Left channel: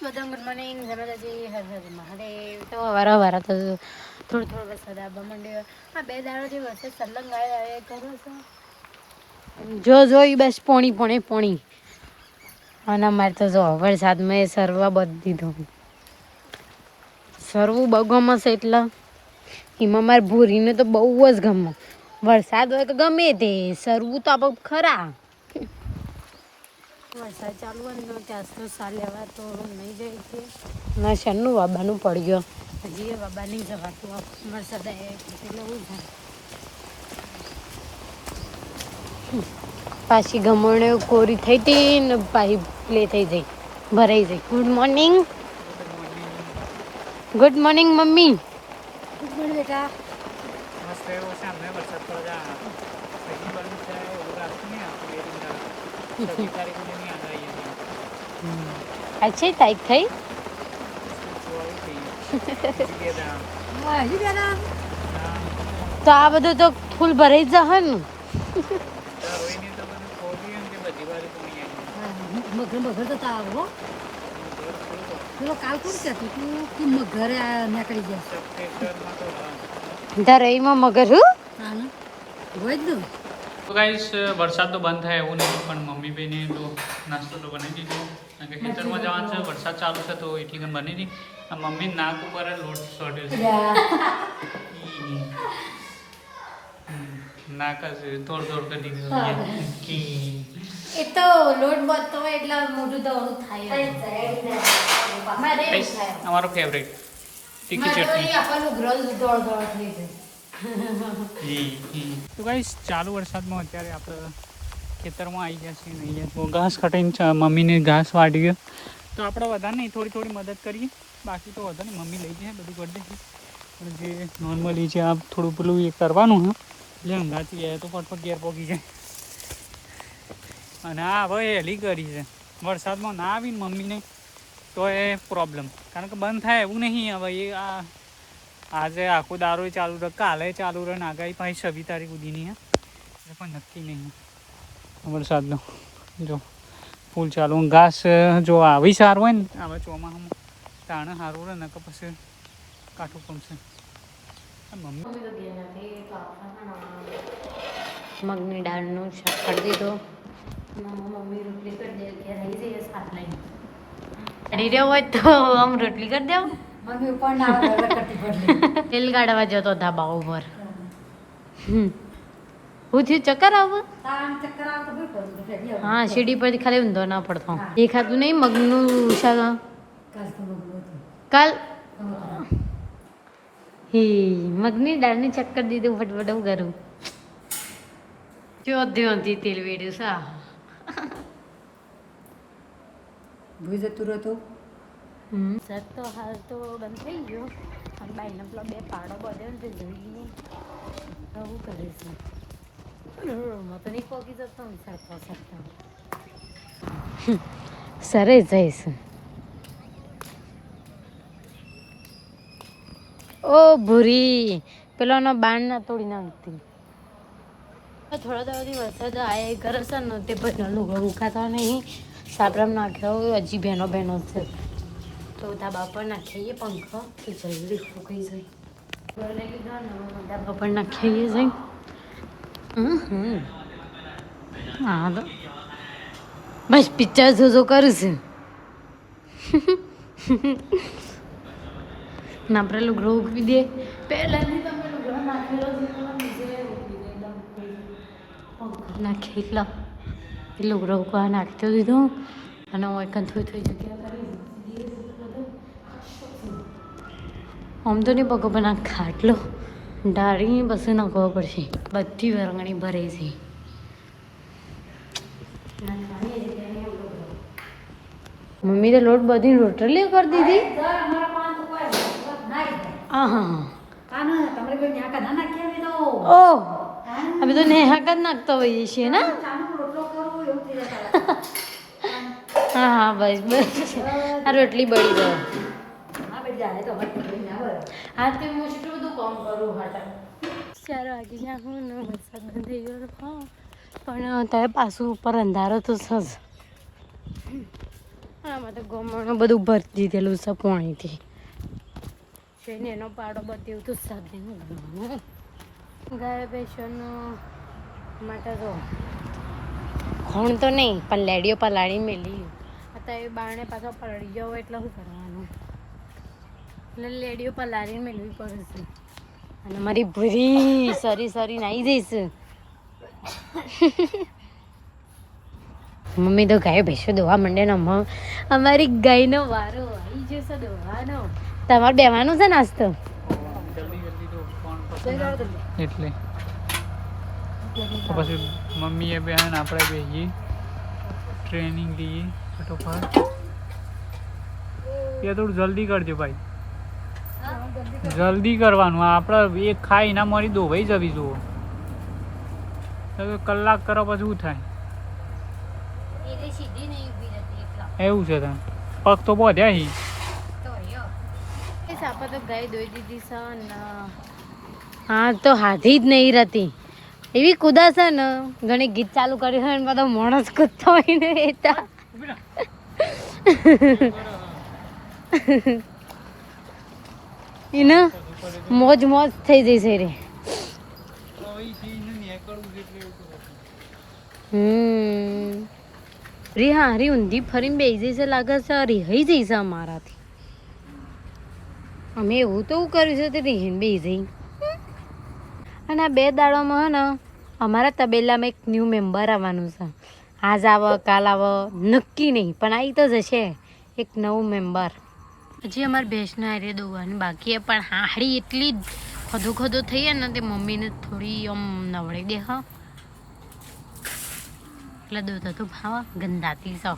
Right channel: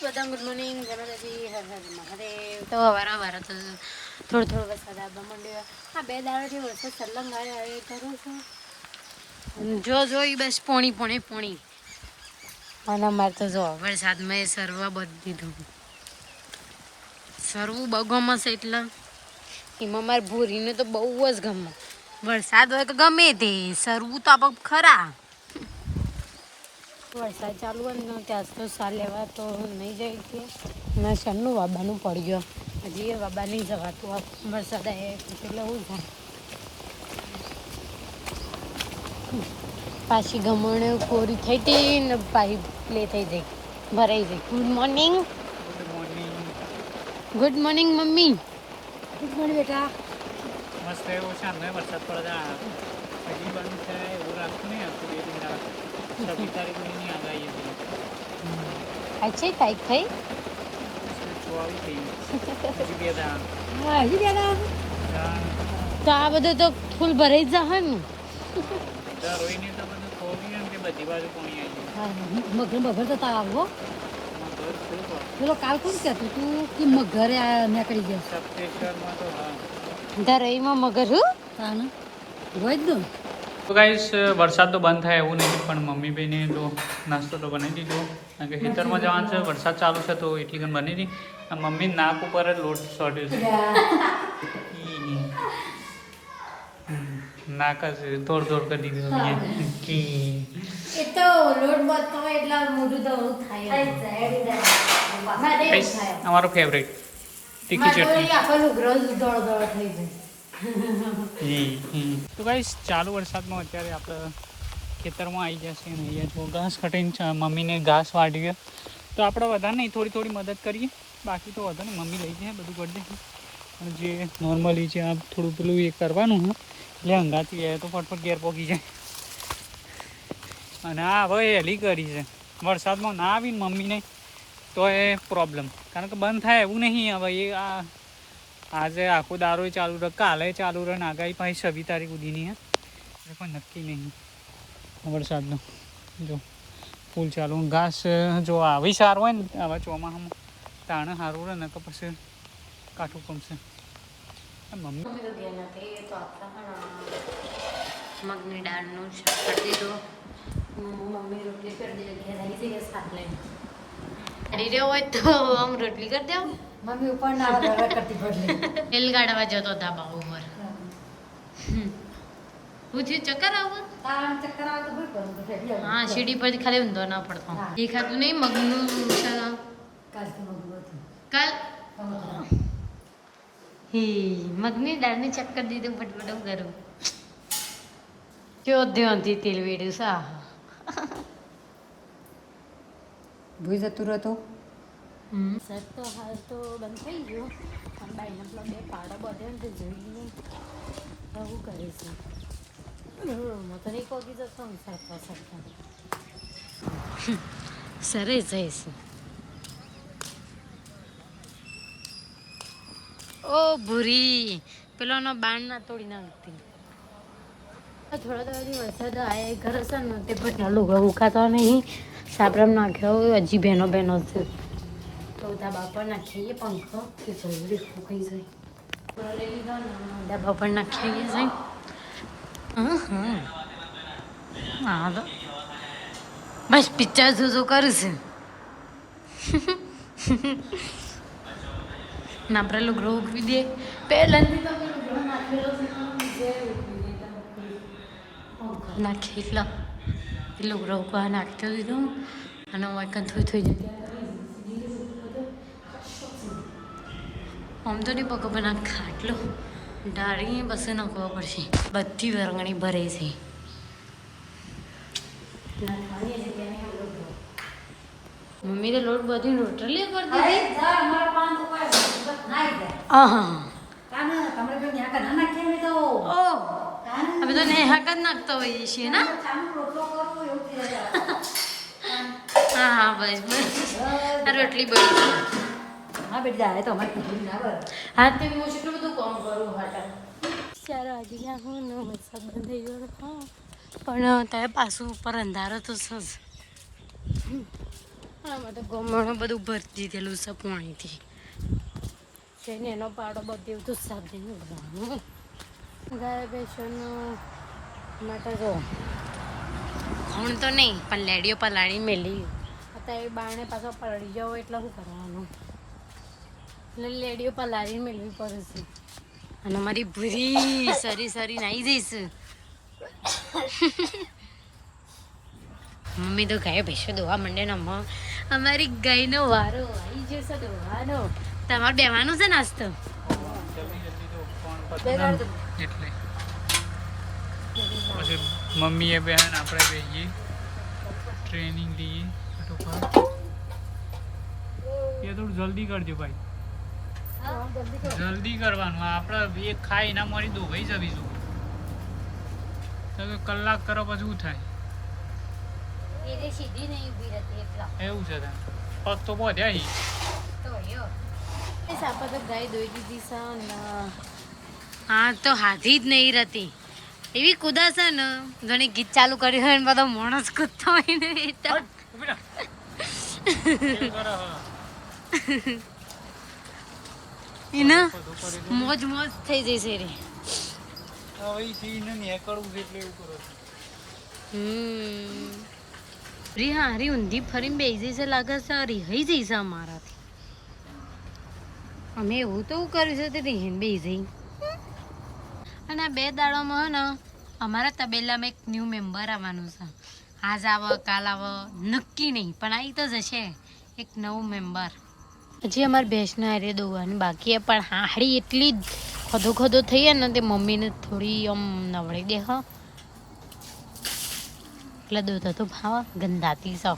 બધા good morning જમાદાજી Har Har Mahadev. તો વારા તો થોડો વરસાદ આવવા માંડ્યો. આ 2 દાડાથી વરસાદ સલંગ આવ્યો કરો છો જોઈ બસ પોણી અને મારે તો જો વરસાદ મેં સરવા બધી દીધો સરવું બહુ ગમશે એટલે એમાં મારે ભૂરીને તો બહુ જ ગમે. વરસાદ હોય તો ગમે તે સરવું તો આપણે ખરા. વરસાદ ચાલુ હોય ને ત્યાં તો સાર લેવા તો નહીં જાય છે ને શનનું બાબાનું પડી ગયો હજી એ બાબા નહીં જવાતું વરસાદ આવે એટલે એવું થાય. પાછી ગમણે કોરી થઈ હતી ને પાછી પ્લે થઈ જઈ ભરાઈ જઈ. Good morning mummy. Good morning બેટા. મસ્ત એવો સામે વરસાદ પડે હજી બંધ છે એવું રાખતું નહીં આપતું 2 દિન આવે 26 તારીખ ની આગાહી હતી. અચ્છી તારીખ થઈ 24 થઈ હજી 2 દાડા તો આ બધું તો ફૂલ ભરાઈ જશે ને. રોઈને તો બધું ખોલ્યું ને તે બધી બાજુ પાણી આવી મગર તો આવો પેલો કાલ કોણ કહેતું તું કે મગરે નીકળી ગયા સપ્ટેમ્બરમાં તો હા ધરઈમાં મગર હું રોજ દઉં. તો ગાઈસ વરસાદ તો બંધ થાય એવું નહીં પણ મમ્મી ભાઈને તો નાસ્તો તો બનાવી દીધો કારણ કે ખેતરમાં જવાનું છે વરસાદ ચાલુ છે તો એટલી ગણ બની હતી. મમ્મી નાક ઉપર જ લોટ સોટ્યો છે નાક જ દોડ કરી દીધું એ તો લોટ બનતો હોય એટલે મોઢું તો થાય અમારો ફેવરેટ તીખી ચટણી. તો ગાઈસ ચાલુ વરસાદમાં અત્યારે આપણે ખેતરમાં આવી જશે ને અહીંયા જો ઘાસ કટીને મમ્મીને ઘાસ વાળી ગયો તો આપણે વધારે નહીં થોડી મદદ કરીએ બાકી તો વધુ નહીં મમ્મી લઈ જાય બધું કરી દે. પણ જે નોર્મલી છે આ થોડું પેલું એ કરવાનું હે એટલે હંગાથી જાય તો ફટફટ ઘેર પહોંચી જાય. અને આ હવે હેલી કરી છે વરસાદમાં ના આવીને મમ્મીને તો એ પ્રોબ્લેમ કારણ કે બંધ થાય એવું નહીં. હવે એ આજે આખો દારો ચાલુ રહે કાલે ચાલુ રહે ને આગાહી પાછી 26 તારીખ સુધીની હે એટલે પણ નક્કી નહીં વરસાદનો. જો ફૂલ ચાલુ ઘાસ જો આવી સારું હોય ને આવા ચોમાસામાં તાણે સારું રહે ને તો પછી કાઠું પમશે. મગની દાળનું શાક કરી દીધું. મમ્મી રોટલી કરી દે ઘેર આવી જઈએ શાક લઈને કરી રહ્યો હોય તો આમ રોટલી કરી દેવું. મમ્મી ઉપર તેલ ગાળવા જતો ધાબા ઉપર હું થયું ચક્કર આવું. હા સીડી પરથી ખાલી ઊંધો ના પડતો દેખાતું નહીં મગનું શાક કાલ મગની દાળની ચક્કર દીધું ફટફટ હું કરું જો ધ્યાનથી તેલ વેડ્યું સા ભૂઈ જતું રહેતું. સર તો હાલ તો બંધ થઈ ગયો પણ બાઈને પેલા 2 પાડો બધ્યો ને તે જોઈ લઈએ શું કરે છે. હું તો નહીં પહોંચી જતો સરતા સરે જઈશ. ઓ ભૂરી પેલાનો બાણ ના તોડી નાખતી. થોડા દાડાથી વરસાદ આયા ઘર હશે ને તે પછી લુગા ઉખાતો નહીં સાબરમ નાખ્યો હજી બહેનો છે તો ધાબા પર નાખીએ પંખો કે જલ્દી ફૂંકાઈ જાય લઈ લીધા ને ધાબા પર નાખીએ જઈ. હા તો બસ પિક્ચર જોજો કરું છું ના આપણે લુગડો ઉકવી દે પહેલાંથી તમે લુગડો નાખેલો છે નાખી એટલા એ લુગડો ઉકવા નાખી દીધું અને હું એક થોડી જગ્યા આમ તો નહીં પગો પણ આ ખાટલો ડાળી બસ નાખવો પડશે. બધી વરંગણી ભરે છે મમ્મી તો લોટ બધી રોટલી કરી દીધી. ઓહ અમે તો નેહાક જ નાખતા હોઈએ છીએ ને. હા બસ આ રોટલી બળી જાય. હા તે હું એટલું બધું કામ કરું હાટા 4 વાગી ગયા હું ને વરસાદ બંધ થઈ ગયો. હા પણ ત્યાં પાછું ઉપર અંધારો તો છે જ આમાં તો ગમમાં બધું ભરતી દીધેલું છે પાણીથી તેને એનો પાડો બધું તો સાફ નહીં કરવાનું ગાય ભેંસોનો માટે જો ખોણ તો નહીં પણ લેડીઓ પલાળી મેલી અત્યારે બારણે પાછો પલળી જાવ એટલે શું કરવાનું એટલે લેડીઓ પલાળી મેળવી પડે છે અને મારી ભૂરી સરી સરી નાઈ જઈશ મમ્મી તો ગાય ભેંસો દોવા માંડે ને અમારી ગાયનો વારો આવી જશે દોવાનો તમારે બેવાનું છે નાસ્તો એટલે પછી મમ્મીએ બેન આપણે બેહીએ ટ્રેનિંગ લઈએ ફટોફટ એ થોડું જલ્દી કરજો ભાઈ જલ્દી કરવાનું આપણે એક ખાઈ ના મરી દો ભાઈ જવી જુઓ કલાક કરો પછી શું થાય એવું છે તમે પગ તો બોધ્યા હી સાપા તો ગાય દોઈ દીધી છે ને હા તો હાથી જ નહીં રહેતી એવી કુદા છે ને ઘણી ગીત ચાલુ કર્યું હોય ને બધો માણસ કૂદતો હોય ને બેટા એને મોજ મોજ થઈ જશે રે રી હા હરી ઊંધી ફરીને બેસી જશે લાગે છે રિહાઈ જઈશે અમારાથી અમે એવું તો કર્યું છે તે રિહીને બેસી જઈ અને આ 2 દાડામાં હે ને અમારા તબેલામાં એક ન્યૂ મેમ્બર આવવાનું છે આજ આવે કાલ આવે નક્કી નહીં પણ આવી તો જશે એક નવું મેમ્બર હજી અમારે ભેંસને હારે દોવાની બાકી પણ હાડી એટલી ખોદો ખોદો થઈ જાય ને તે મમ્મીને થોડી આમ નવડી દે હા એટલે દોતા તો ભાવ ગંદાતી સૌ